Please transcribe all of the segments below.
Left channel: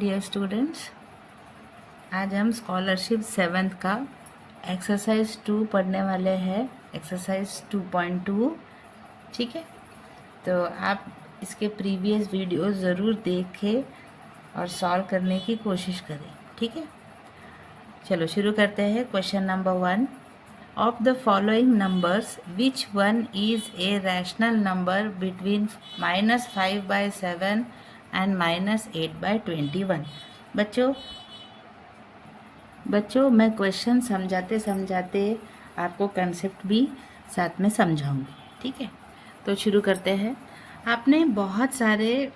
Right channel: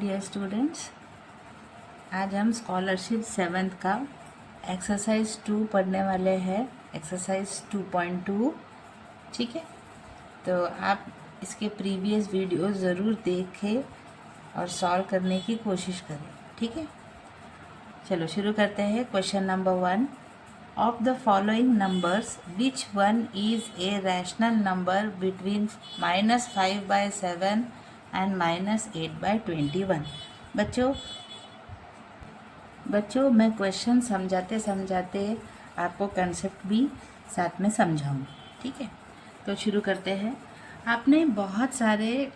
Dear students, आज हम scholarship 7th का एक्सरसाइज 2 पढ़ने वाले हैं, एक्सरसाइज 2.2। ठीक है, तो आप इसके प्रीवियस वीडियो ज़रूर देखें और सॉल्व करने की कोशिश करें। ठीक है, चलो शुरू करते हैं। Question number 1, of the following numbers which one is a rational number between -5/7 and -8/21। बच्चों मैं क्वेश्चन समझाते समझाते आपको कंसेप्ट भी साथ में समझाऊंगी। ठीक है, तो शुरू करते हैं। आपने बहुत सारे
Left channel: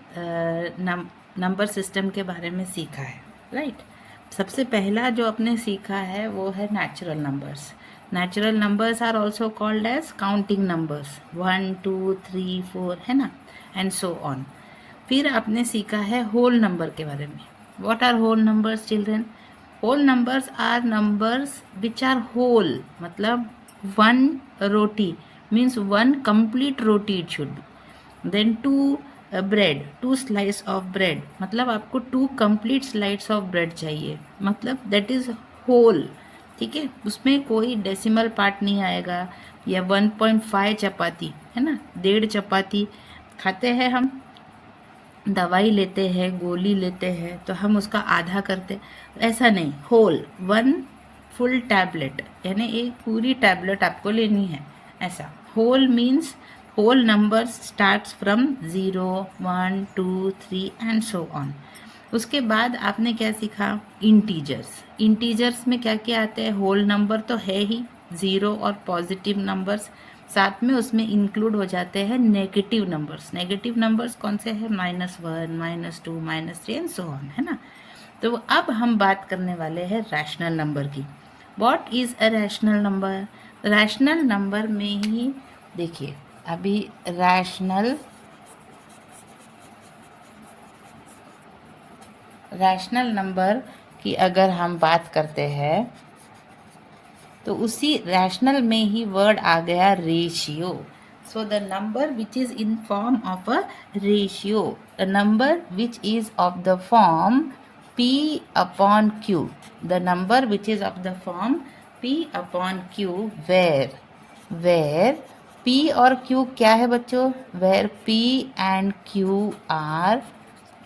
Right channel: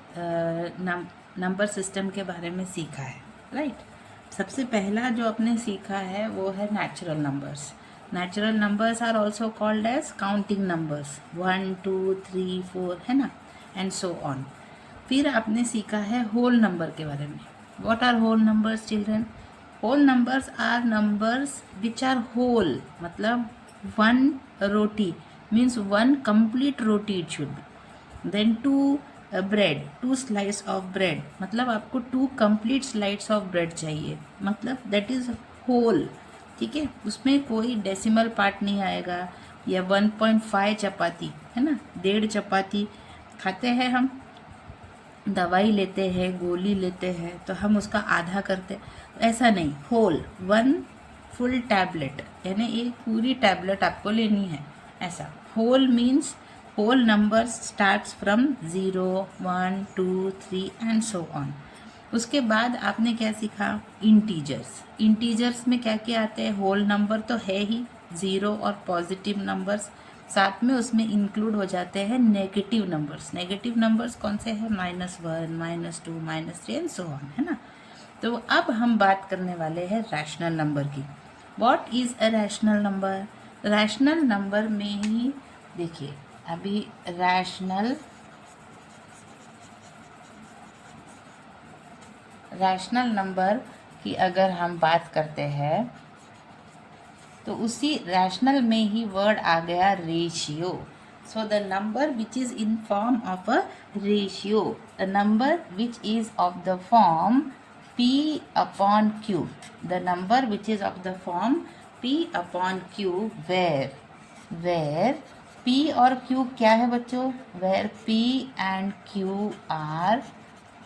नंबर सिस्टम के बारे में सीखा है, राइट। सबसे पहला जो आपने सीखा है वो है natural numbers. Natural numbers are also called as counting numbers, 1 2 3 4, है ना, एंड सो ऑन। फिर आपने सीखा है होल नंबर के बारे में। What are whole numbers children? Whole numbers are numbers which are whole, मतलब one roti means one complete roti it should be. Then two bread, 2 slice of bread, मतलब आपको 2 कंप्लीट स्लाइस ऑफ ब्रेड चाहिए, मतलब that is whole. ठीक है, उसमें कोई decimal part नहीं आएगा। या 1.5 चपाती, है ना, 1.5 चपाती खाते हैं हम, दवाई लेते हैं, गोली लेते हैं तो हम उसका आधा करते, ऐसा नहीं। होल, 1 फुल टैबलेट, यानी एक पूरी टैबलेट आपको लेनी है, ऐसा। Whole means whole numbers starts from 0 1 2 3 and so on. उसके बाद आपने क्या सीखा? इंटीजर्स। इंटीजर्स में क्या क्या आते हैं? होल नंबर तो है ही, 0 और पॉजिटिव नंबर्स, साथ में उसमें इंक्लूड हो जाते हैं नेगेटिव नंबर्स। नेगेटिव नंबर्स कौन से हैं? -1 -2 -3 एंड सो ऑन, है ना। तो अब हम बात करने वाले हैं रैशनल नंबर की। What is a rational number? Rational number में ही देखिए, अभी रैशनल नंबर की अगर हम बात करते हैं तो उसी रैशनल में ही वर्ड आ गया ratio. So the number which is in form of a ratio, the number which is of the form P/Q, the number which is of the form P/Q, where P और Q क्या है बच्चों? Where P and Q are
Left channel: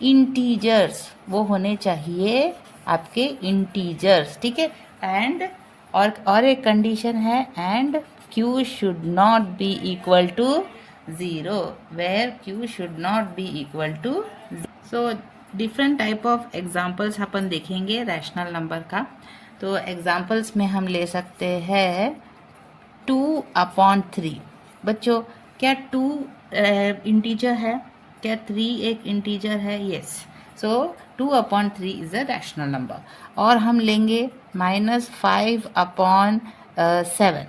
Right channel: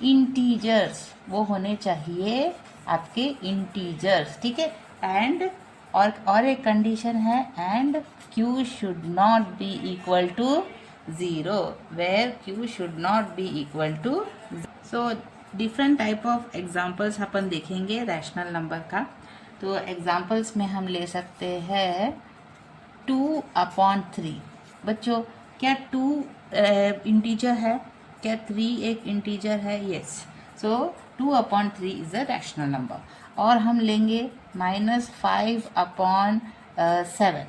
integers, वो होने चाहिए आपके integers. ठीक है, एंड और एक कंडीशन है, and Q should not be equal to 0, where Q should not be equal to. So different type of examples अपन देखेंगे रैशनल नंबर का। तो एग्जाम्पल्स में हम ले सकते हैं 2/3। बच्चों क्या 2 इंटीजर है? क्या 3 एक इंटीजर है? Yes, so 2/3 is a rational number. और हम लेंगे -5/7।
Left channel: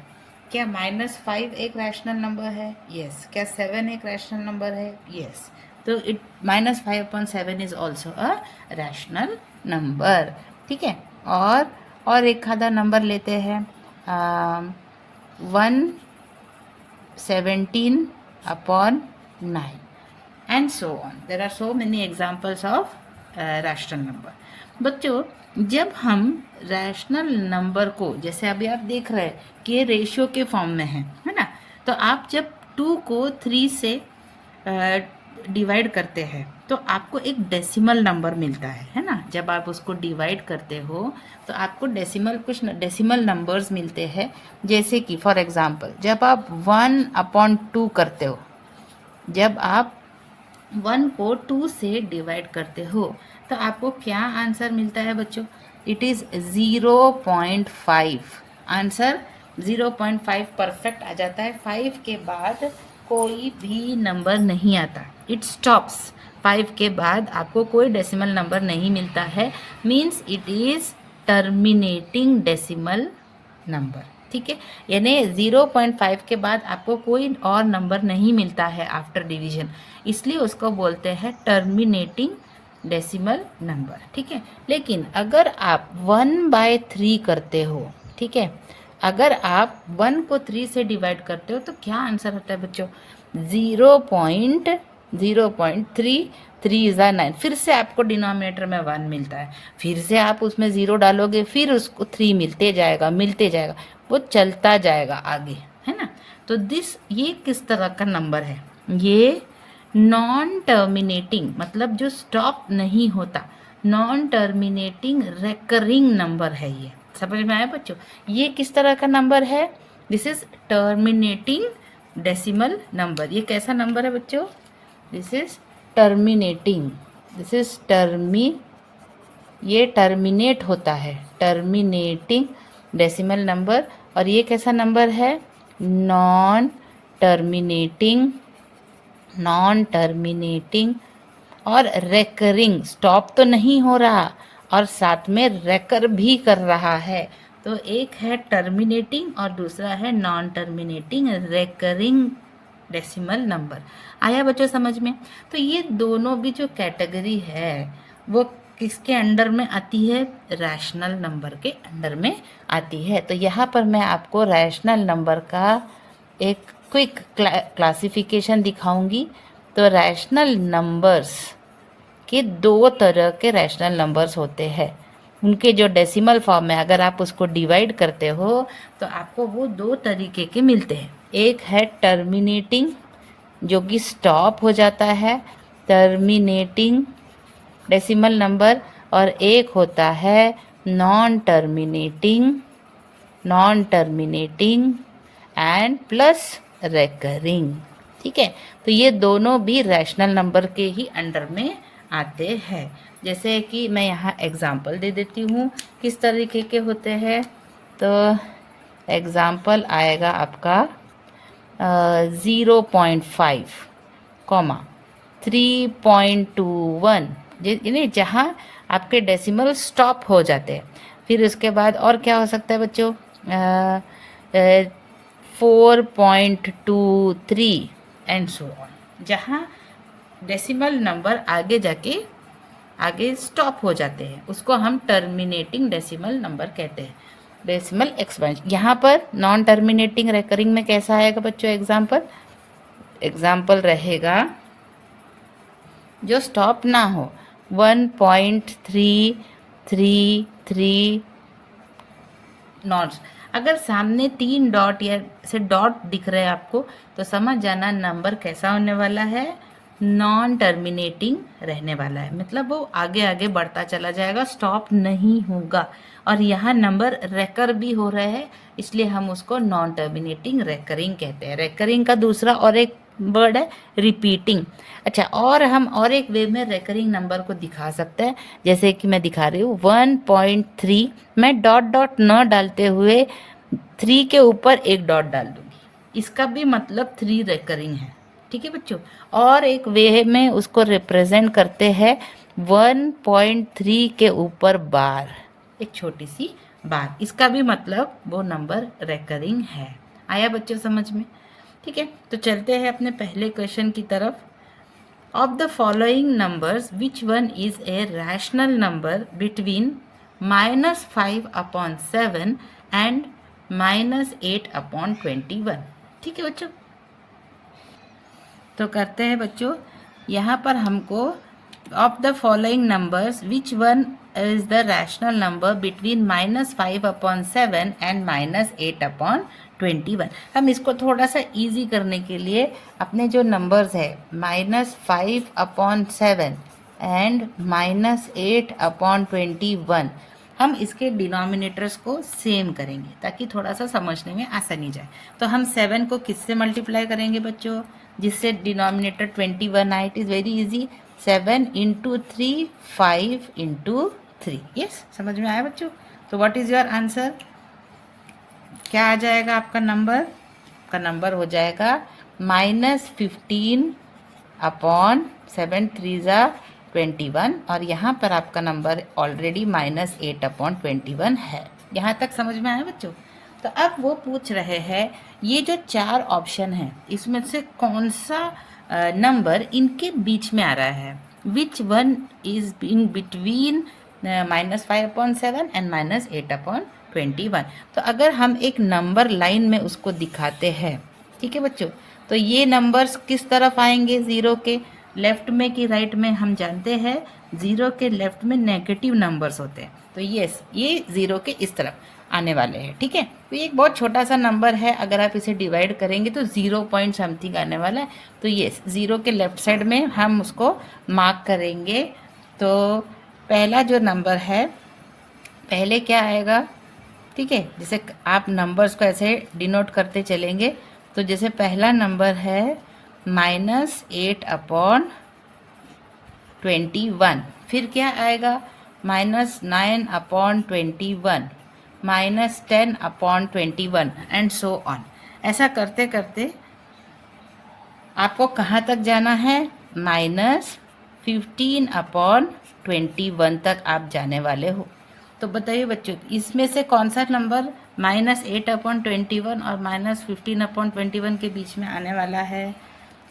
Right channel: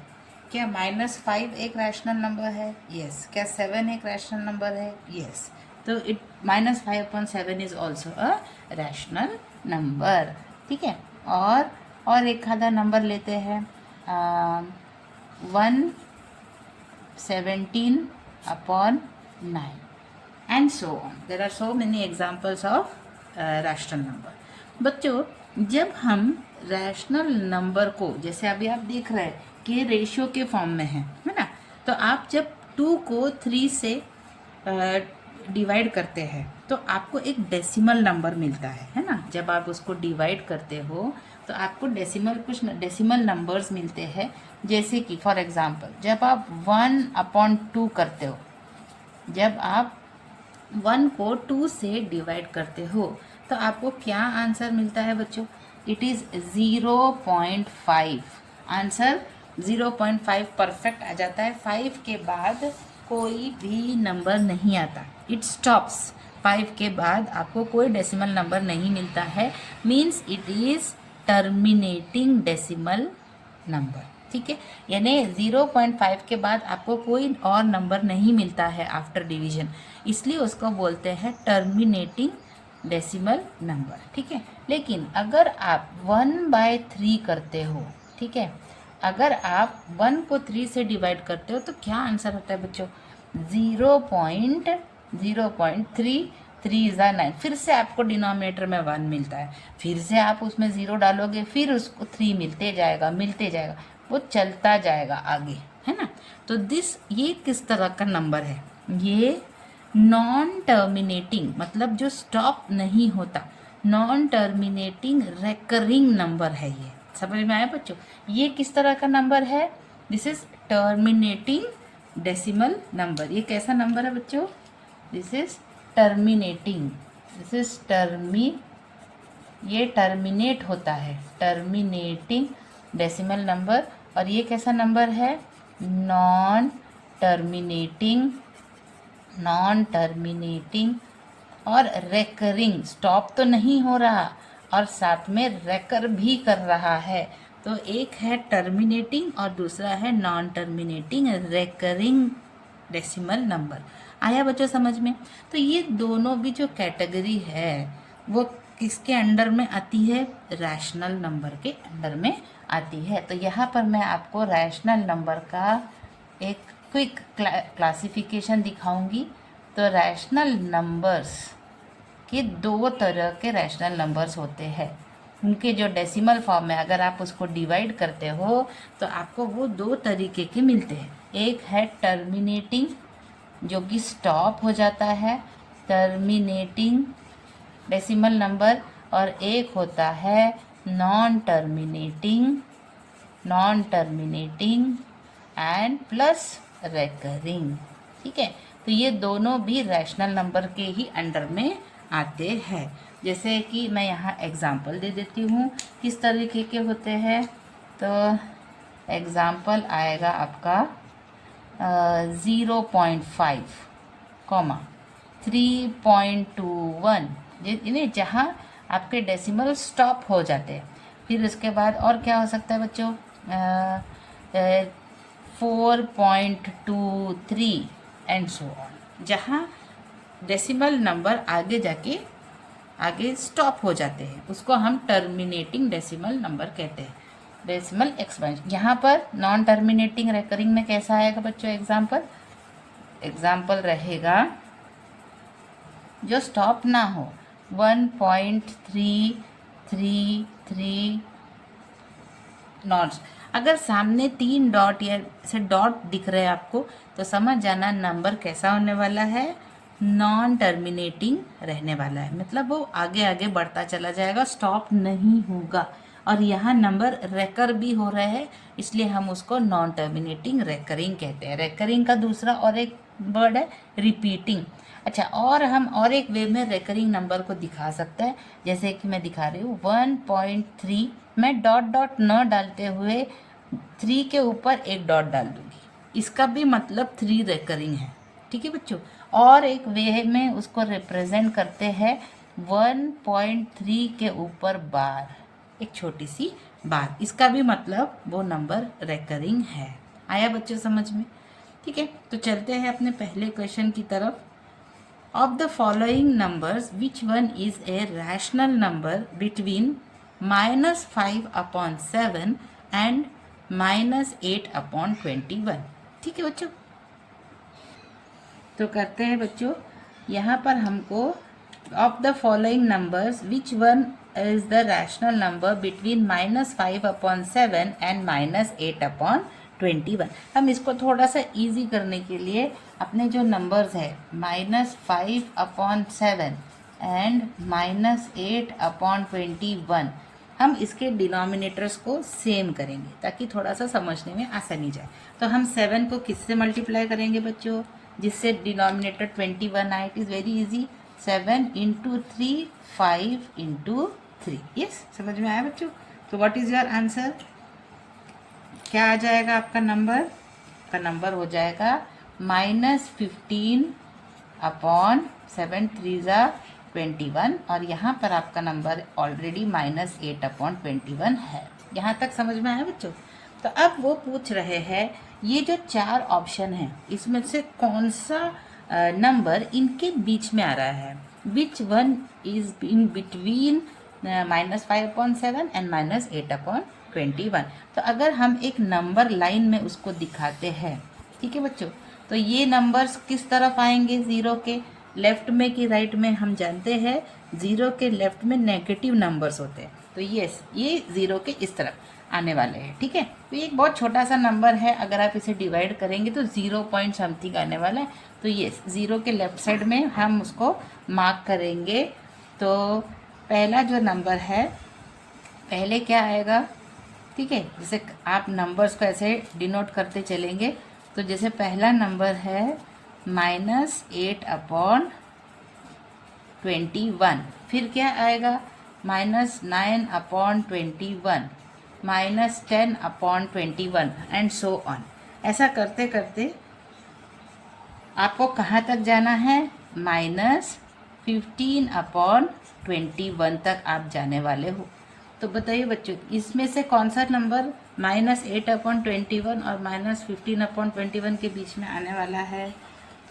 क्या -5 एक रैशनल नंबर है? यस। क्या 7 एक रैशनल नंबर है? यस। तो it -5/7 is also a rational number. ठीक है, और एक आधा नंबर लेते हैं 117/9 and so on. There are so many examples of rational number. बच्चों जब हम रैशनल नंबर को, जैसे अभी आप देख रहे हैं कि ये रेशियो के फॉर्म में है ना, तो आप जब 2 को 3 से डिवाइड करते हैं तो आपको एक डेसिमल नंबर मिलता है ना। जब आप उसको डिवाइड करते हो तो आपको कुछ डेसिमल नंबर्स मिलते हैं। जैसे कि फॉर एग्जांपल जब आप 1/2 करते हो, जब आप 1 को 2 से डिवाइड करते हो तो आपको क्या आंसर मिलता है बच्चों? It is 0.5। आंसर 0.5 परफेक्ट आ जाता है। 5 के बाद कोई भी नंबर नहीं आता, इट स्टॉप्स। 5 के बाद आपको कोई डेसिमल नंबर नहीं मिलता है, means it is terminating decimal number. ठीक है, यानी 0.5 के बाद आपको कोई और नंबर नहीं मिलता है आफ्टर डिवीजन, इसलिए उसको बोलते हैं टर्मिनेटिंग डेसिमल नंबर। ठीक है, लेकिन अगर आप 1/3 करते हो, ठीक है, अगर आप 1 को 3 से डिवाइड करते हो तो क्या आंसर आता है बच्चों? 0.3 3 ज़ा 9, फिर से आपको डिनोमिनेटर में 1 मिलता है, फिर से आप उसमें 0 डालोगे, फिर उसको 3 मिलते जाएगा, वो चलता जाएगा आगे, है ना। तो ये किस तरह का नंबर है, ये नॉन टर्मिनेटिंग, मतलब जो स्टॉप नहीं होता, नॉन टर्मिनेटिंग रेकरिंग नंबर है। ये समझ में आया बच्चों? ये किस तरह का नंबर है? This is terminating decimal number. ये कैसा नंबर है बच्चों? This is terminating, this is ये टर्मिनेट होता है, टर्मिनेटिंग डेसिमल नंबर। और ये कैसा नंबर है? नॉन टर्मिनेटिंग, नॉन टर्मिनेटिंग और रेकरिंग, स्टॉप तो नहीं हो रहा और साथ में रेकर भी कर रहा है। तो एक है टर्मिनेटिंग और दूसरा है non terminating recurring decimal number. आया बच्चों समझ में? तो ये दोनों भी जो कैटेगरी है वो किसके अंडर में आती है? रैशनल नंबर के अंडर में आती है। तो यहाँ पर मैं आपको रैशनल नंबर का एक क्विक क्लासिफिकेशन दिखाऊंगी। तो रैशनल नंबर्स के 2 तरह के रैशनल नंबर्स होते हैं। उनके जो डेसिमल फॉर्म है, अगर आप उसको डिवाइड करते हो तो आपको वो 2 तरीके के मिलते हैं। एक है टर्मिनेटिंग, जो कि स्टॉप हो जाता है, टर्मिनेटिंग डेसिमल नंबर, और एक होता है non terminating and plus recurring. ठीक है, तो ये दोनों भी रैशनल नंबर के ही अंडर में आते हैं। जैसे कि मैं यहाँ एग्जाम्पल दे देती हूँ किस तरीके के होते हैं। तो एग्जाम्पल आएगा आपका 0.5, 3.21, यानी जहाँ आपके डेसिमल स्टॉप हो जाते हैं। फिर उसके बाद और क्या हो सकता है बच्चों? 4.23 एंड सो ऑन, जहाँ डेसिमल नंबर आगे स्टॉप हो जाते हैं, उसको हम टर्मिनेटिंग डेसिमल नंबर कहते हैं, डेसिमल एक्सपेंशन। यहाँ पर नॉन टर्मिनेटिंग रेकरिंग में कैसा आएगा बच्चों? एग्जाम्पल रहेगा जो स्टॉप ना हो, 1.333 नॉट्स। अगर सामने 3 डॉट या से डॉट दिख रहे हैं आपको, तो समझ जाना नंबर कैसा होने वाला है? नॉन टर्मिनेटिंग रहने वाला है, मतलब वो आगे आगे बढ़ता चला जाएगा, स्टॉप नहीं होगा। और यहाँ नंबर रेकर भी हो रहा है, इसलिए हम उसको नॉन टर्मिनेटिंग रेकरिंग कहते हैं। रेकरिंग का दूसरा और एक वर्ड है रिपीटिंग। अच्छा, और हम और एक वे में रेकरिंग नंबर को दिखा सकते हैं, जैसे कि मैं दिखा रही हूँ 1.3, मैं डॉट डॉट न डालते हुए 3 के ऊपर एक डॉट डाल दूंगी, इसका भी मतलब 3 रेकरिंग है। ठीक है बच्चों? और एक वे में उसको रिप्रेजेंट करते हैं 1.3 के ऊपर बार, एक छोटी सी बार, इसका भी मतलब वो नंबर रेकरिंग है। आया बच्चों समझ में? ठीक है, तो चलते हैं अपने पहले क्वेश्चन की तरफ। Of the following numbers which one is a rational number between -5/7 and -8/21? ठीक है बच्चों, तो करते हैं बच्चों। यहाँ पर हमको of the following numbers which one is the rational number between -5/7 and -8/21। हम इसको थोड़ा सा इजी करने के लिए अपने जो नंबर्स है -5/7 एंड -8/21, हम इसके डिनोमिनेटर्स को सेम करेंगे ताकि थोड़ा सा समझने में आसानी जाए। तो हम 7 को किससे मल्टीप्लाई करेंगे बच्चों, जिससे डिनोमिनेटर 21 आए? It is very easy, 7 × 3, 5 × 3। Yes, समझ में आया बच्चों? तो व्हाट इज़ योर आंसर? क्या आ जाएगा आपका नंबर? आपका नंबर हो जाएगा -15/7, 3 21, और यहाँ पर आपका नंबर ऑलरेडी -8/21 है। यहाँ तक समझ में आया बच्चों? तो अब वो पूछ रहे हैं ये जो 4 ऑप्शन हैं इसमें से कौन सा नंबर इनके बीच में आ रहा है, which one is in between -5/7 and -8/21। तो अगर हम एक नंबर लाइन में उसको दिखाते हैं, ठीक है बच्चों, तो ये नंबर्स किस तरफ आएंगे 0 के? लेफ्ट में कि राइट में, हम जानते हैं 0 के लेफ्ट में नेगेटिव नंबर्स होते हैं, तो ये 0 के इस तरफ आने वाले हैं, ठीक है। तो ये एक बहुत छोटा सा नंबर है, अगर आप इसे डिवाइड करेंगे तो 0 पॉइंट समथिंग आने वाला है, तो ये 0 के लेफ्ट साइड में हम उसको मार्क करेंगे। तो पहला जो नंबर है, पहले क्या आएगा, ठीक है, जैसे आप नंबर्स को ऐसे डिनोट करते चलेंगे, तो जैसे पहला नंबर है -8/21, फिर क्या आएगा -9/21, -10/21 एंड सो ऑन। ऐसा करते करते आपको कहाँ तक जाना है, -15/21 तक आप जाने वाले हो। तो बताइए बच्चों, इसमें से कौन सा नंबर -8/21 और -15/21 के बीच में आने वाला है?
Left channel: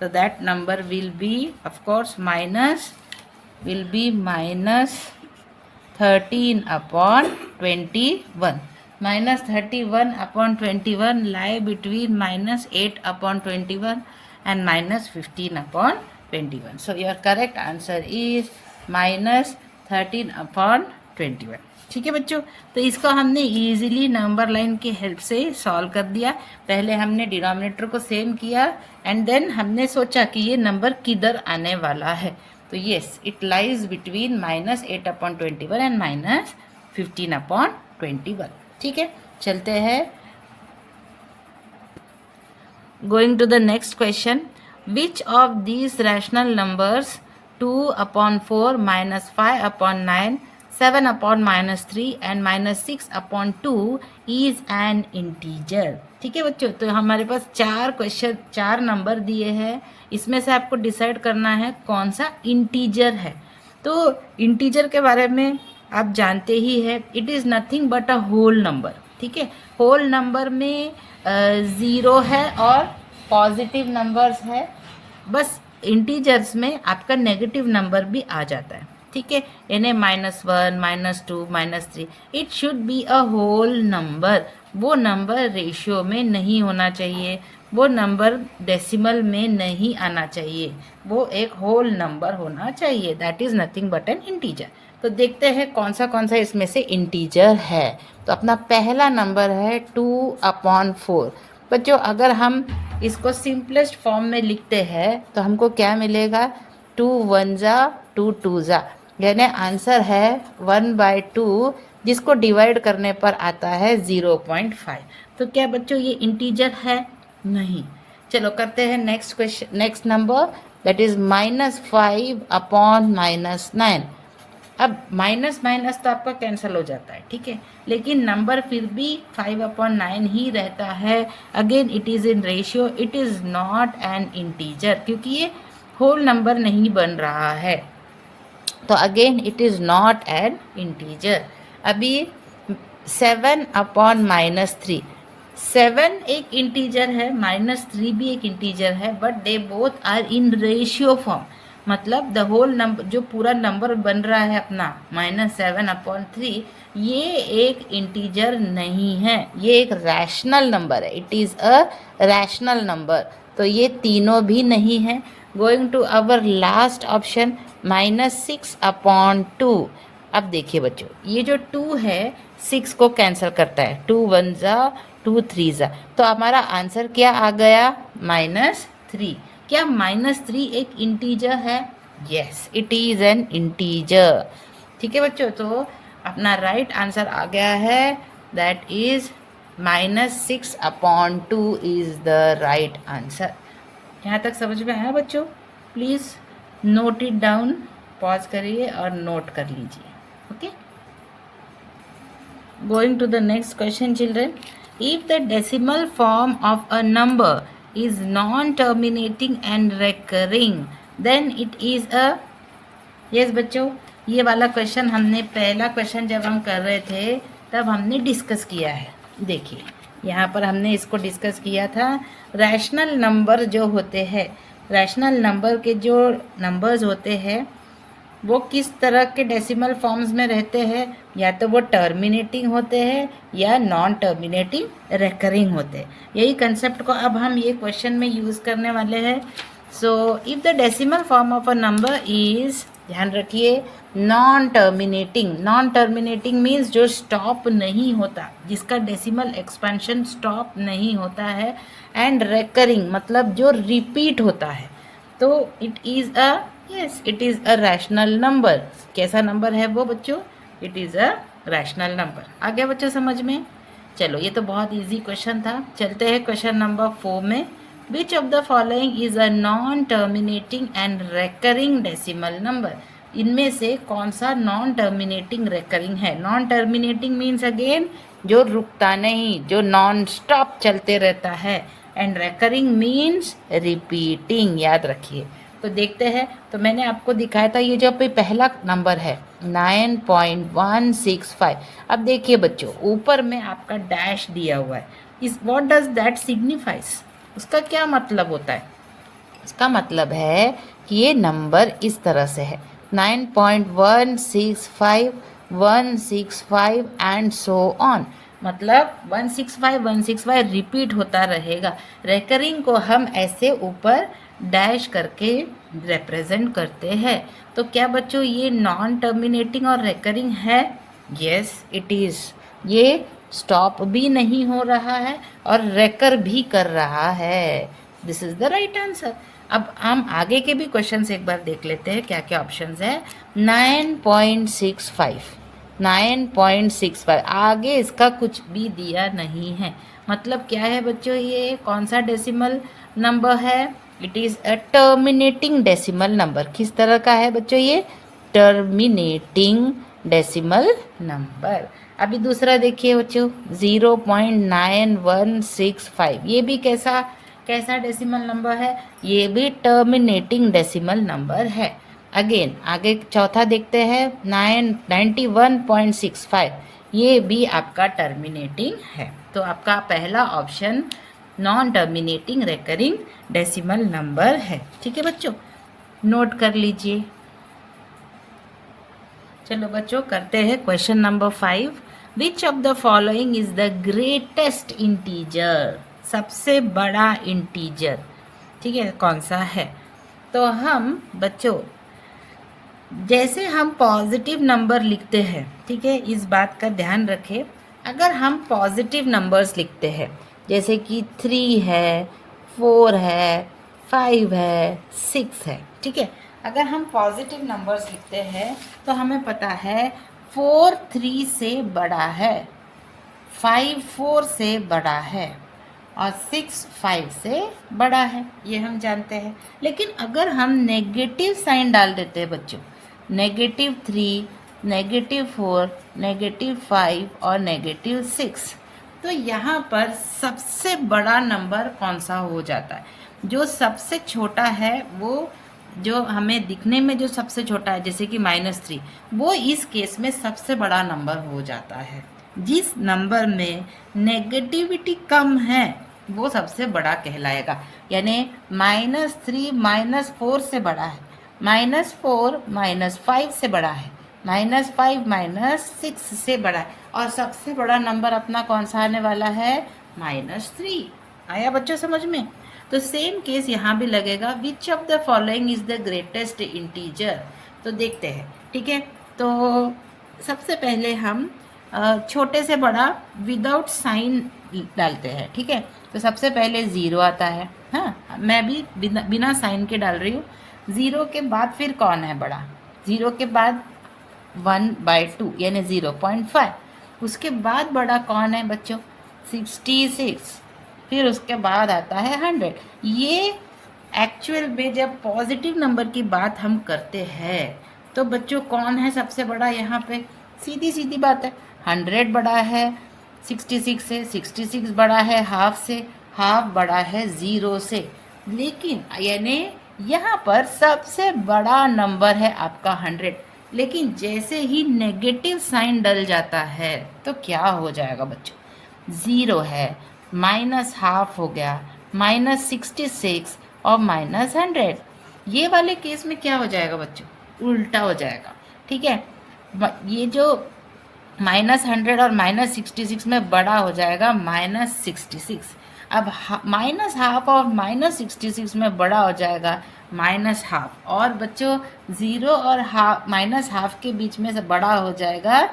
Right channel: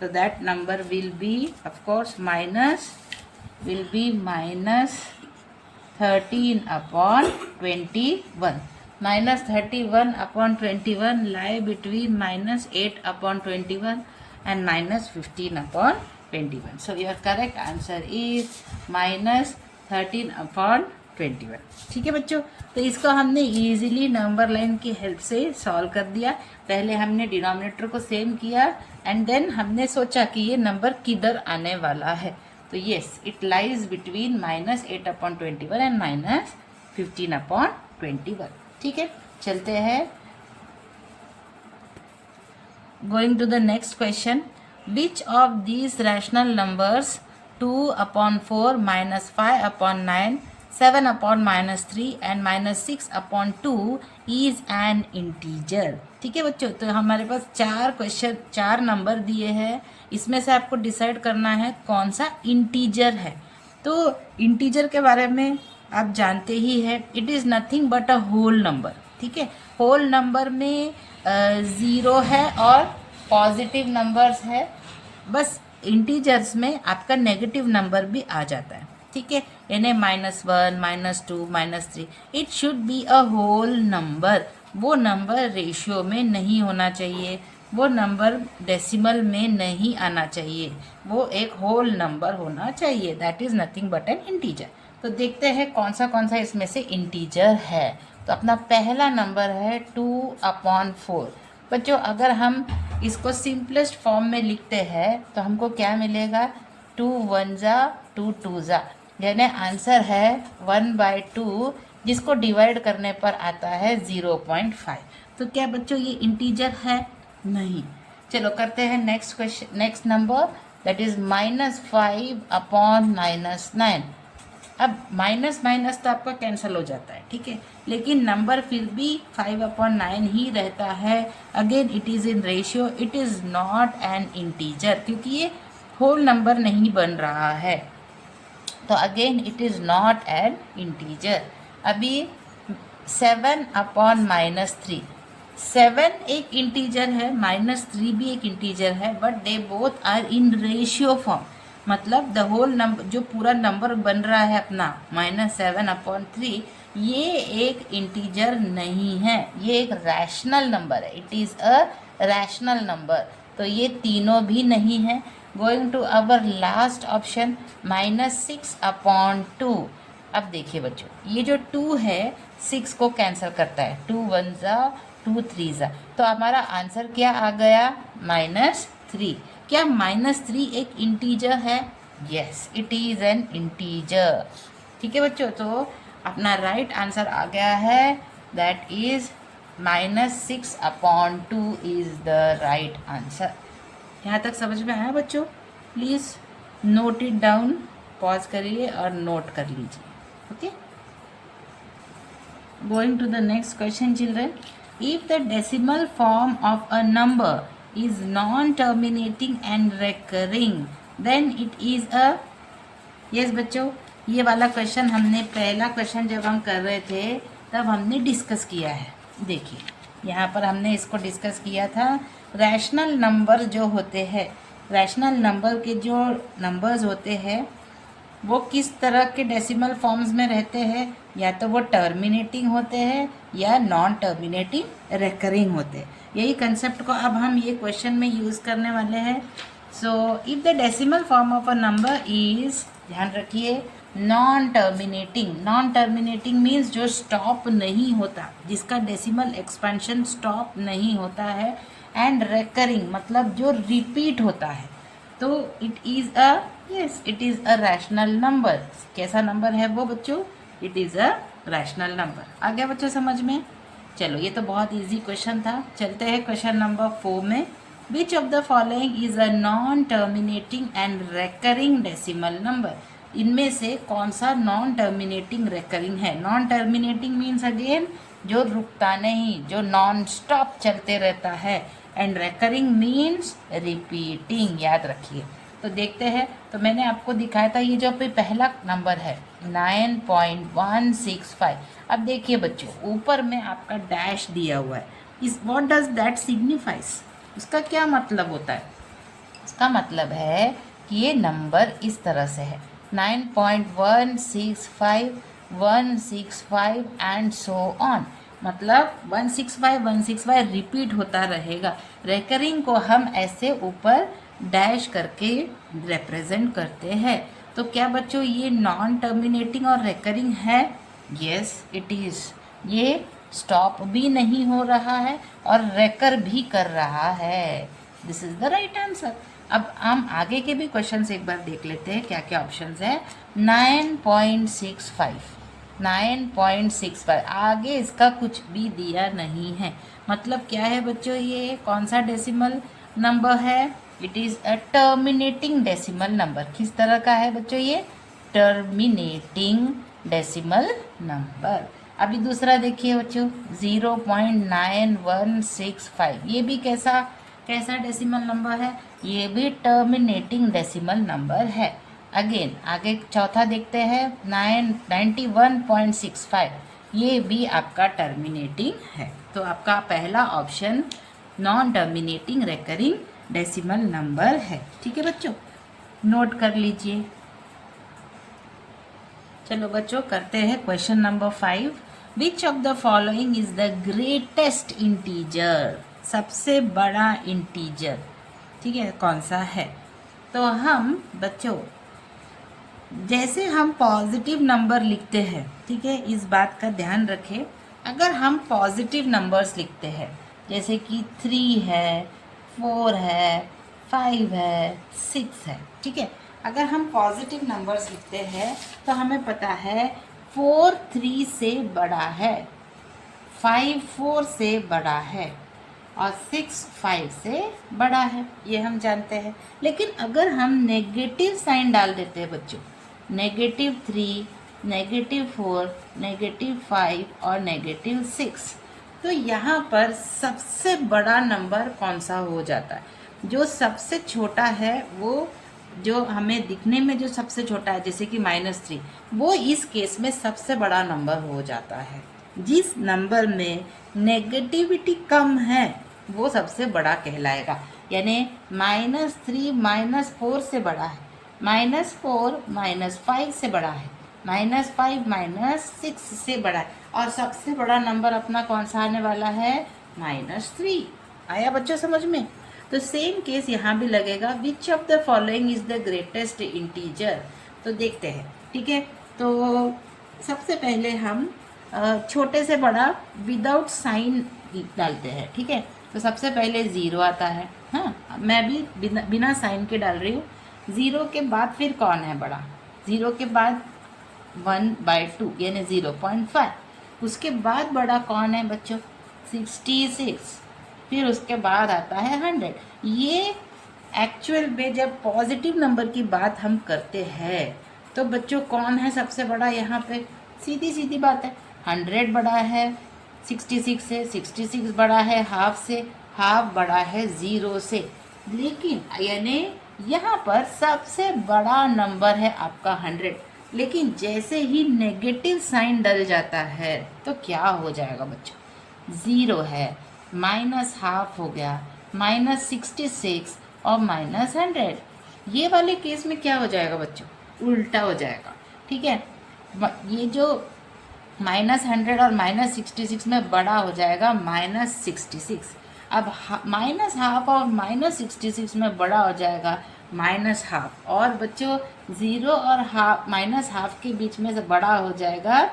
तो that number will be of course -13/21. -31/21 lie between -8/21 and -15/21. So your correct answer is -13/21. ठीक है बच्चों, तो इसको हमने इजीली नंबर लाइन की हेल्प से सॉल्व कर दिया। पहले हमने डिनोमिनेटर को सेम किया एंड देन हमने सोचा कि ये नंबर किधर आने वाला है, तो yes it lies between -8/21 and -15/21। ठीक है, चलते हैं going to the next question. Which of these rational numbers 2/4 -5/9 7/-3 and -6/2 is an integer. ठीक है बच्चों, तो हमारे पास चार नंबर दिए हैं, इसमें से आपको डिसाइड करना है कौन सा इंटीजर है। तो इंटीजर के बारे में आप जानते ही है, it is nothing but a whole number. ठीक है, होल नंबर में 0 है और पॉजिटिव नंबर्स है, बस इंटीजर्स में आपका नेगेटिव नंबर भी आ जाता है। ठीक है, यानी -1 -2 -3, it should be a whole number. वो नंबर रेशियो में नहीं होना चाहिए, वो नंबर डेसिमल में नहीं आना चाहिए, वो एक होल नंबर होना चाहिए, that is nothing but N integer. तो देखते हैं कौन सा इसमें से इंटीजर है। तो अपना पहला नंबर है 2/4। बच्चों अगर हम इसको सिंपलेस्ट फॉर्म में लिखते हैं तो हमको क्या मिलेगा, 2 1 2 2 यानी आंसर है 1/2, जिसको डिवाइड करने पर आता है 0.5। तो क्या बच्चों ये इंटीजर है? नहीं। चलो करते हैं next question, next number that is -5/-9। अब माइनस माइनस तो आपका कैंसिल हो जाता है, ठीक है, लेकिन नंबर फिर भी 5/9 ही रहता है। Again it is in ratio, it is not an integer, क्योंकि ये होल नंबर नहीं बन रहा है, तो again it is not an integer. अभी 7/-3, 7 एक इंटीजर है, -3 भी एक इंटीजर है, but they both are in ratio form. मतलब द होल नंबर, जो पूरा नंबर बन रहा है अपना -7/3, ये एक इंटीजर नहीं है, ये एक रैशनल नंबर है, it is a rational number. तो ये तीनों भी नहीं है। Going to our last option -6/2। अब देखिए बच्चों, ये जो 2 है 6 को कैंसिल करता है, 2 1 2 3 तो हमारा आंसर क्या आ गया, -3। क्या -3 एक इंटीजर है? Yes, it is an integer. ठीक है बच्चों, तो अपना राइट आंसर आ गया है, that is -6/2 is the right answer. यहाँ तक समझ में आया बच्चों? Please note it down, pause करिए और नोट कर लीजिए। Okay, going to the next question children. If the decimal form of a number is non-terminating and recurring, then it is a yes बच्चों, ये वाला क्वेश्चन हमने पहला क्वेश्चन जब हम कर रहे थे तब हमने डिस्कस किया है। देखिए यहाँ पर हमने इसको डिस्कस किया था, रैशनल नंबर जो होते हैं, रैशनल नंबर के जो नंबर्स होते हैं वो किस तरह के डेसिमल फॉर्म्स में रहते हैं, या तो वो टर्मिनेटिंग होते हैं या नॉन टर्मिनेटिंग रेकरिंग होते हैं। यही कंसेप्ट को अब हम ये क्वेश्चन में यूज़ करने वाले हैं। So if the decimal form of a number is, ध्यान रखिए, non terminating. Non terminating means जो स्टॉप नहीं होता, जिसका डेसिमल एक्सपेंशन स्टॉप नहीं होता है, एंड रेकरिंग मतलब जो रिपीट होता है, तो it is a, yes, it is a rational number. कैसा नंबर है वो बच्चों? It is a rational number. आ गया बच्चों समझ में? चलो, ये तो बहुत इजी क्वेश्चन था। चलते हैं क्वेश्चन नंबर 4 में। विच of the following is a non terminating and recurring decimal number? इनमें से कौन सा नॉन टर्मिनेटिंग रेकरिंग है? नॉन टर्मिनेटिंग मीन्स अगेन जो रुकता नहीं, जो नॉन स्टॉप चलते रहता है, एंड रेकरिंग मीन्स रिपीटिंग। याद रखिए। तो देखते हैं, तो मैंने आपको दिखाया था ये जो पहला नंबर है 9.165। अब देखिए बच्चों, ऊपर में आपका डैश दिया हुआ है, इस व्हाट डज दैट सिग्निफाइज? उसका क्या मतलब होता है? इसका मतलब है कि ये नंबर इस तरह से है 9.165 165 एंड सो ऑन। मतलब 165 165 रिपीट होता रहेगा। रेकरिंग को हम ऐसे ऊपर डैश करके रिप्रेजेंट करते हैं। तो क्या बच्चों ये नॉन टर्मिनेटिंग और रेकरिंग है? Yes it is. ये स्टॉप भी नहीं हो रहा है और रेकर भी कर रहा है। This is the right answer. अब हम आगे के भी क्वेश्चन एक बार देख लेते हैं क्या क्या ऑप्शंस है। 9.65 9.65 आगे इसका कुछ भी दिया नहीं है। मतलब क्या है बच्चों, ये कौन सा डेसिमल नंबर है? It is a terminating decimal number. किस तरह का है बच्चों ये? Terminating decimal number. अभी दूसरा देखिए बच्चों 0.9165, ये भी कैसा कैसा डेसिमल नंबर है? ये भी टर्मिनेटिंग डेसिमल नंबर है। अगेन आगे चौथा देखते हैं 91.65, ये भी आपका टर्मिनेटिंग है। तो आपका पहला option non terminating recurring decimal number है। ठीक है बच्चों, नोट कर लीजिए। चलो बच्चों करते हैं question number 5। Which of the following is the greatest integer? सबसे बड़ा इंटीजर, ठीक है, कौन सा है? तो हम बच्चों जैसे हम पॉजिटिव नंबर लिखते हैं, ठीक है, इस बात का ध्यान रखें। अगर हम पॉजिटिव नंबर्स लिखते हैं जैसे कि 3 है, 4 है, 5 है, 6 है, ठीक है, अगर हम पॉजिटिव नंबर्स लिखते हैं तो हमें पता है 4 3 से बड़ा है, 5 4 से बड़ा है और 6 5 से बड़ा है, ये हम जानते हैं। लेकिन अगर हम नेगेटिव साइन डाल देते हैं बच्चों, -3, -4, -5 और -6, तो यहाँ पर सबसे बड़ा नंबर कौन सा हो जाता है? जो सबसे छोटा है वो, जो हमें दिखने में जो सबसे छोटा है जैसे कि -3, वो इस केस में सबसे बड़ा नंबर हो जाता है। जिस नंबर में नेगेटिविटी कम है वो सबसे बड़ा कहलाएगा। यानी -3 -4 से बड़ा है, -4 -5 से बड़ा है, -5 -6 से बड़ा है, और सबसे बड़ा नंबर अपना कौन सा आने वाला है? -3। आया बच्चों समझ में? तो सेम केस यहाँ भी लगेगा। विच of the following is the greatest integer? तो देखते हैं, ठीक है। तो सबसे पहले हम छोटे से बड़ा विदाउट साइन डालते हैं, ठीक है। तो सबसे पहले 0 आता है, हाँ, मैं भी बिना साइन के डाल रही हूँ। 0 के बाद फिर कौन है बड़ा? 0 के बाद 1/2 यानी 0.5। उसके बाद बड़ा कौन है बच्चों? 66। फिर उसके बाद आता है 100। ये एक्चुअल में जब पॉजिटिव नंबर की बात हम करते हैं तो बच्चों कौन है सबसे बड़ा? यहाँ पे सीधी सीधी बात है, 100 बड़ा है 66 से, 66 बड़ा है हाफ से, हाफ बड़ा है 0 से। लेकिन यानी यहाँ पर सबसे बड़ा नंबर है आपका 100। लेकिन जैसे ही नेगेटिव साइन डल जाता है तो क्या हो जाएगा बच्चों? 0 है, -½ हो गया, -66 और -100। ये वाले केस में क्या हो जाएगा बच्चों? उल्टा हो जाएगा, ठीक है। ये जो -100 और -66 में बड़ा हो जाएगा -66। अब माइनस हाफ और -66 में बड़ा हो जाएगा -हाफ, और बच्चों 0 और हाफ -हाफ के बीच में से बड़ा हो जाएगा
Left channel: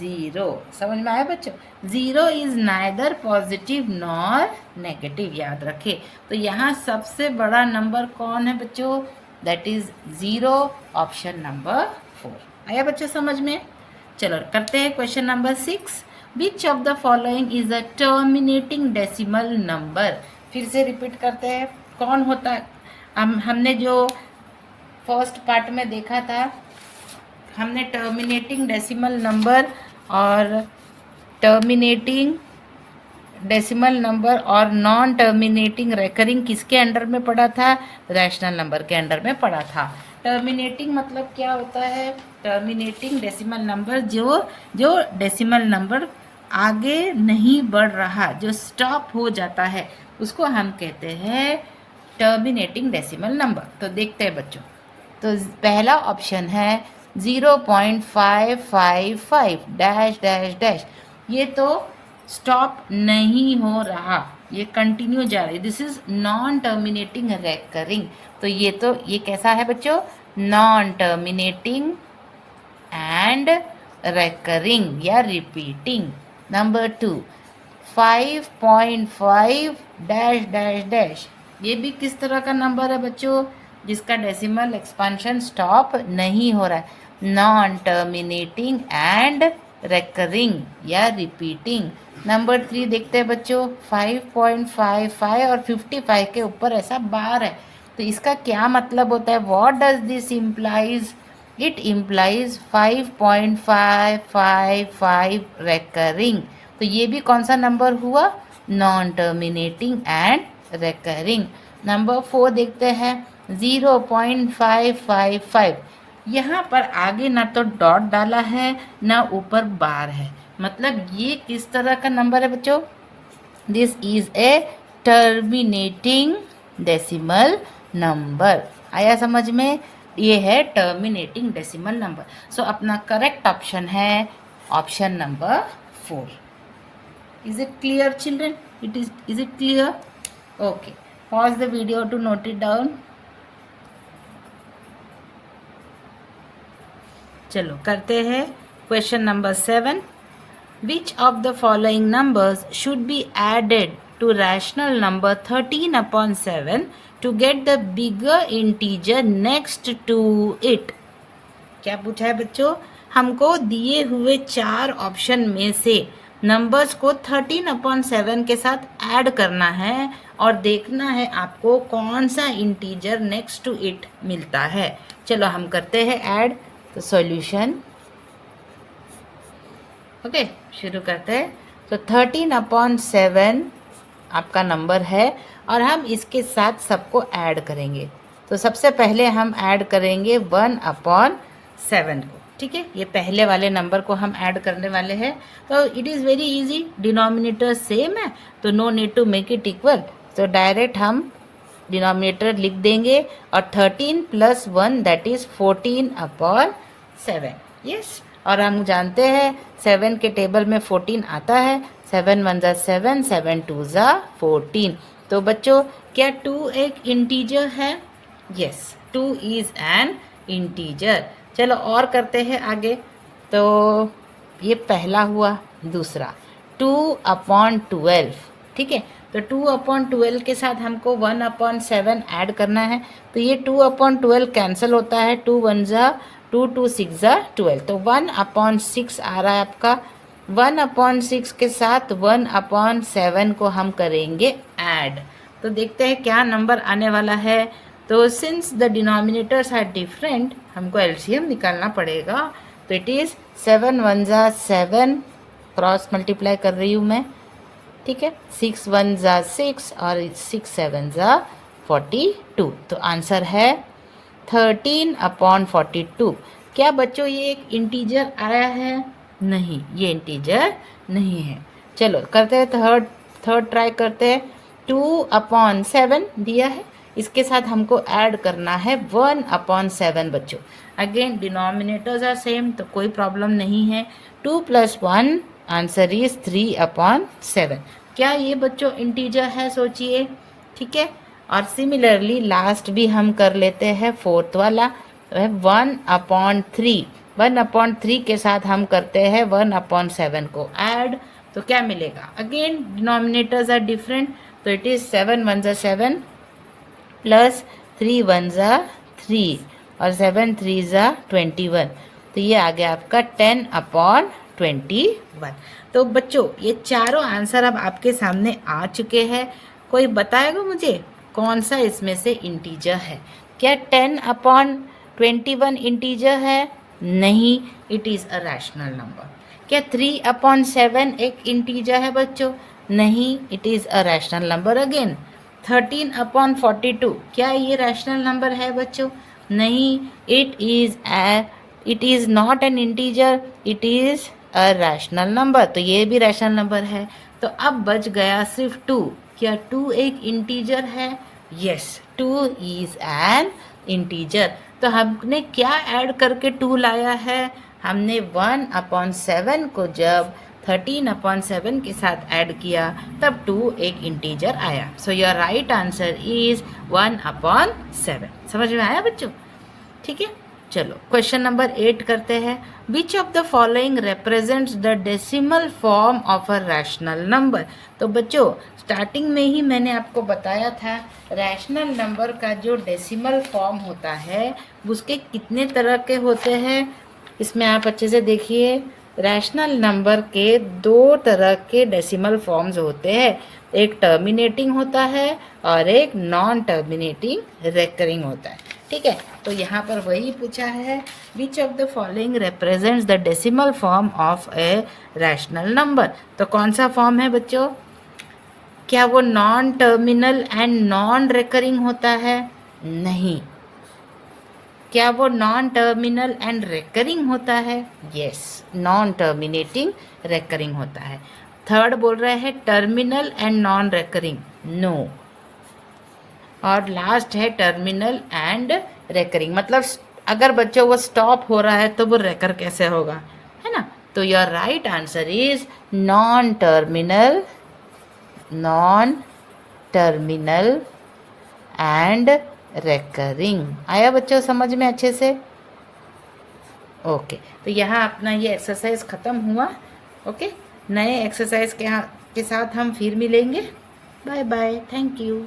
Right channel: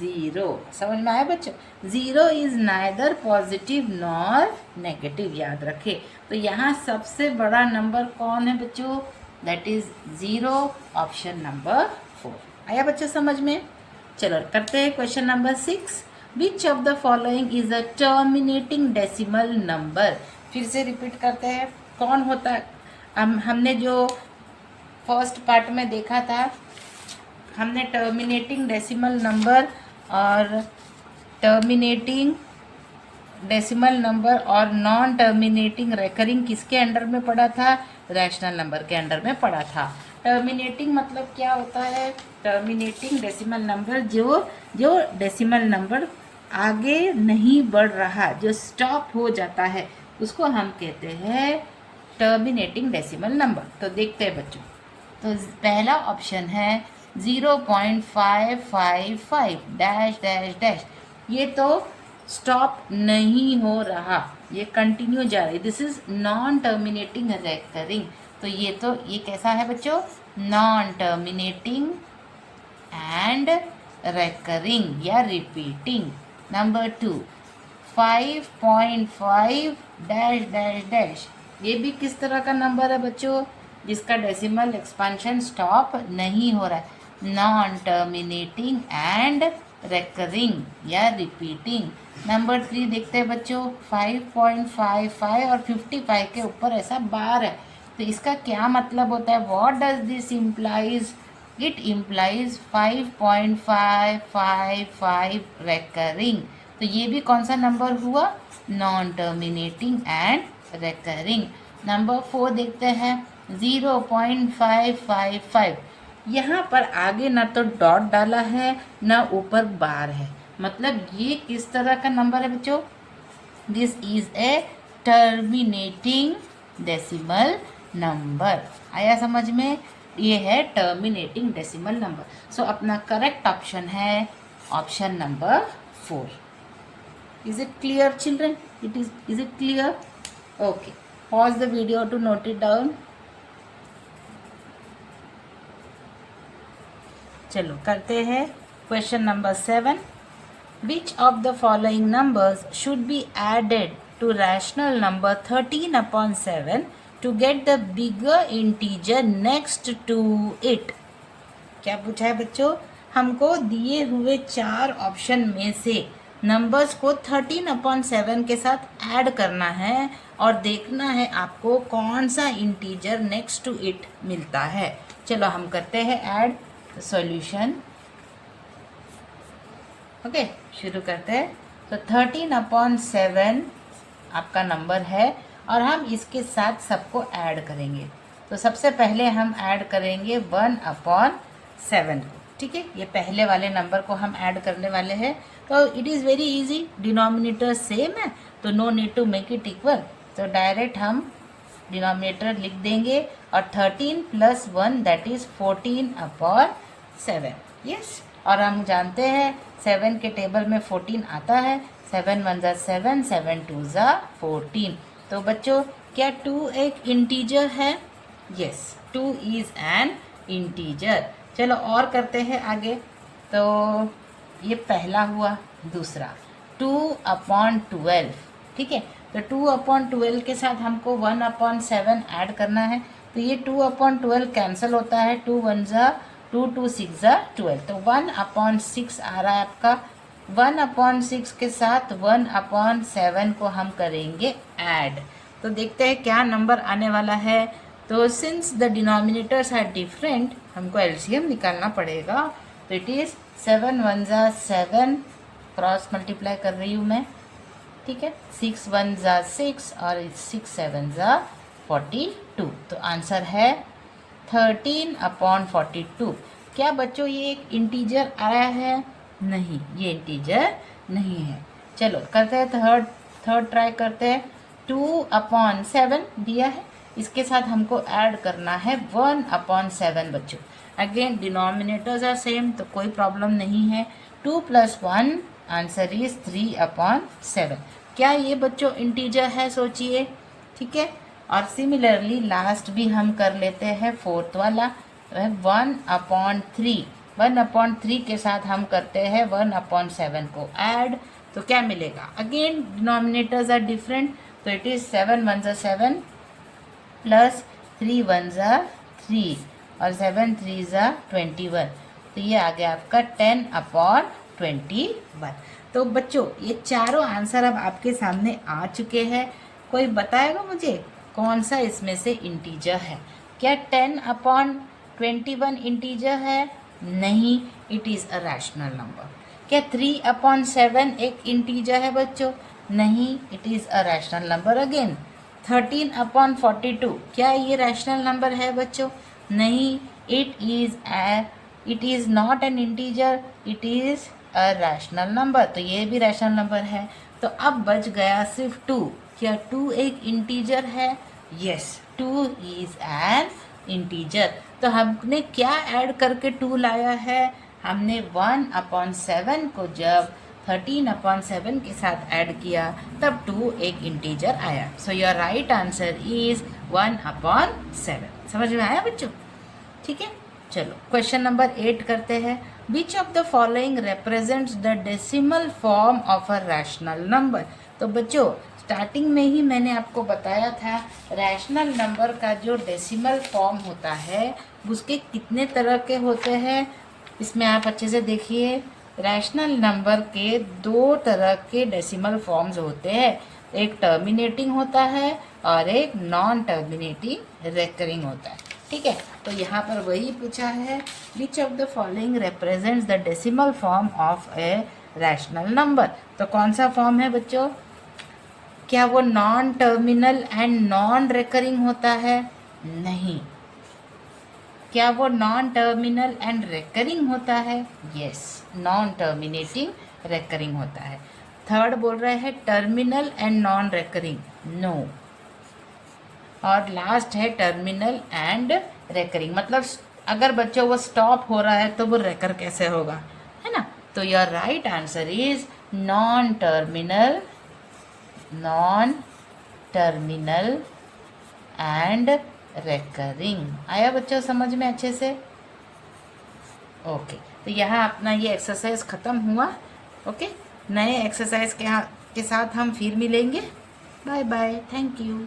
0। समझ में आया बच्चों? 0 is neither positive nor negative, याद रखे। तो यहाँ सबसे बड़ा नंबर कौन है बच्चों? That is 0, option number 4। आया बच्चों समझ में? चलो करते हैं question number 6। Which of the following is a terminating decimal number? फिर से रिपीट करते हैं, कौन होता है? हमने जो फर्स्ट पार्ट में देखा था, हमने टर्मिनेटिंग डेसिमल नंबर और टर्मिनेटिंग डेसिमल नंबर और नॉन टर्मिनेटिंग रेकरिंग किसके अंडर में पड़ा था? रैशनल नंबर के अंडर में पड़ा था। टर्मिनेटिंग मतलब क्या होता है? टर्मिनेटिंग डेसिमल नंबर, जो डेसिमल नंबर आगे नहीं बढ़ रहा, जो स्टॉप हो जाता है, उसको हम कहते हैं टर्मिनेटिंग डेसिमल नंबर। तो देखते हैं बच्चों, तो पहला ऑप्शन है 0.555 डैश डैश डैश, ये तो स्टॉप नहीं हो रहा, ये कंटिन्यू जा रही, this is non terminating recurring. तो ये कैसा है बच्चों? नॉन टर्मिनेटिंग एंड रेकरिंग या repeating. Number 2, 5.5 dash dash dash, ये भी किस तरह का नंबर है बच्चों? जिसका डेसिमल एक्सपेंशन स्टॉप नहीं हो रहा है, नॉन टर्मिनेटिंग एंड रेकरिंग या रिपीटिंग। नंबर 3 देखते हैं बच्चों, 5.55 और 55 के ऊपर ऐसा बार है, तो इसका क्या मतलब होता है? What does this implies? It implies 5.555 recurring. तो ये भी कौन सा नंबर हुआ? Non terminating and recurring. Number 4 देखते हैं, 0.555, यहाँ पर आगे ना तो डॉट डाला है ना ऊपर बार है, मतलब ये किस तरह का नंबर है बच्चों? This is a terminating decimal number. आया समझ में? ये है टर्मिनेटिंग डेसिमल नंबर। सो अपना करेक्ट ऑप्शन है option number 4। Is it clear children? Is it clear? Okay, pause the video to note it down. चलो करते हैं question number 7। Which of the following numbers should be added to rational number 13/7 to get the bigger integer next to it? क्या पूछा है बच्चों? हमको दिए हुए 4 ऑप्शन में से नंबर्स को 13/7 के साथ ऐड करना है और देखना है आपको कौन सा इंटीजर नेक्स्ट टू इट मिलता है। चलो हम करते हैं ऐड। तो सॉल्यूशन, ओके, शुरू करते हैं। तो 13/7 आपका नंबर है और हम इसके साथ सबको ऐड करेंगे। तो सबसे पहले हम ऐड करेंगे 1/7 को, ठीक है? ये पहले वाले नंबर को हम ऐड करने वाले हैं। तो it is very easy, denominator same है, तो no need to make it equal. तो डायरेक्ट हम डिनोमिनेटर लिख देंगे और 13 + 1 दैट इज 14/7। यस, और हम जानते हैं 7 के टेबल में 14 आता है। 7 × 1 = 7, 7 × 2 = 14। तो बच्चों क्या 2 एक इंटीजर है? Yes, 2 is an integer. चलो और करते हैं आगे। तो ये पहला हुआ। दूसरा 2/12, ठीक है? तो 2/12 के साथ हमको 1/7 ऐड करना है। तो ये 2/12 कैंसिल होता है, 2 × 1 = 2, 2 × 6 = 12। तो 1/6 आ रहा है आपका। 1/6 के साथ 1/7 को हम करेंगे ऐड। तो देखते हैं क्या नंबर आने वाला है। तो since the denominators are different, हमको एलसीएम निकालना पड़ेगा। तो इट इज़ 7 × 1 = 7, क्रॉस मल्टीप्लाई कर रही हूँ मैं, ठीक है? 6 × 1 = 6 और 6 × 7 = 42। तो आंसर है 13/42। क्या बच्चों ये एक इंटीजर आया है? नहीं, ये इंटीजर नहीं है। चलो करते हैं थर्ड ट्राई करते हैं। 2/7 दिया है, इसके साथ हमको ऐड करना है 1/7 बच्चों। अगेन डिनोमिनेटर्स आर सेम, तो कोई प्रॉब्लम नहीं है। 2 + 1 आंसर इज 3/7। क्या ये बच्चों इंटीजर है, सोचिए। ठीक है, और सिमिलरली लास्ट भी हम कर लेते हैं, फोर्थ वाला तो है 1/3। 1/3 के साथ हम करते हैं 1/7 को ऐड, तो क्या मिलेगा, अगेन डिनोमिनेटर्स आर डिफरेंट, तो इट इज 7 1 7 प्लस 3 1 3 और 7 3 21, तो ये आ गया आपका 10/21। तो बच्चों ये चारों आंसर अब आपके सामने आ चुके हैं। कोई बताएगा मुझे कौन सा इसमें से इंटीजर है? क्या 10/21 इंटीजर है? नहीं, it is a rational number. क्या 3/7 एक इंटीजर है बच्चों? नहीं, it is a rational number. Again 13/42 क्या ये रैशनल नंबर है बच्चों? नहीं, it is not an integer, it is a rational number, तो ये भी रैशनल नंबर है। तो अब बच गया सिर्फ 2। क्या 2 एक इंटीजर है? Yes, 2 is an integer. तो हमने क्या ऐड करके 2 लाया है? हमने 1/7 को जब 13/7 के साथ ऐड किया तब 2 एक इंटीजर आया। So your right answer is 1/7। समझ में आया बच्चों? ठीक है, चलो क्वेश्चन नंबर 8 करते हैं। विच of the following represents the decimal form of a rational number? तो बच्चों स्टार्टिंग में ही मैंने आपको बताया था रैशनल नंबर का जो डेसिमल फॉर्म होता है उसके कितने तरह के होते हैं। इसमें आप अच्छे से देखिए, रैशनल नंबर के 2 तरह के डेसिमल फॉर्म्स होते हैं, एक टर्मिनेटिंग होता है और एक नॉन टर्मिनेटिंग रेकरिंग होता है। ठीक है, तो यहाँ पर वही पूछा है, विच of the following represents the decimal form of a rational number? तो कौन सा फॉर्म है बच्चों? क्या वो non terminal and non recurring होता है? नहीं। क्या वो नॉन टर्मिनल एंड रेकरिंग होता है? यस, नॉन टर्मिनेटिंग रेकरिंग होता है। थर्ड बोल रहे हैं terminal and non recurring, no. और लास्ट है टर्मिनल एंड रेकरिंग, मतलब अगर बच्चों वो स्टॉप हो रहा है तो वो रेकर कैसे होगा, है ना? तो your right answer is non terminal and recurring. आया बच्चों समझ में अच्छे से? ओके, तो यहाँ अपना ये एक्सरसाइज ख़त्म हुआ। ओके, नए एक्सरसाइज के साथ हम फिर मिलेंगे। Bye bye, thank you.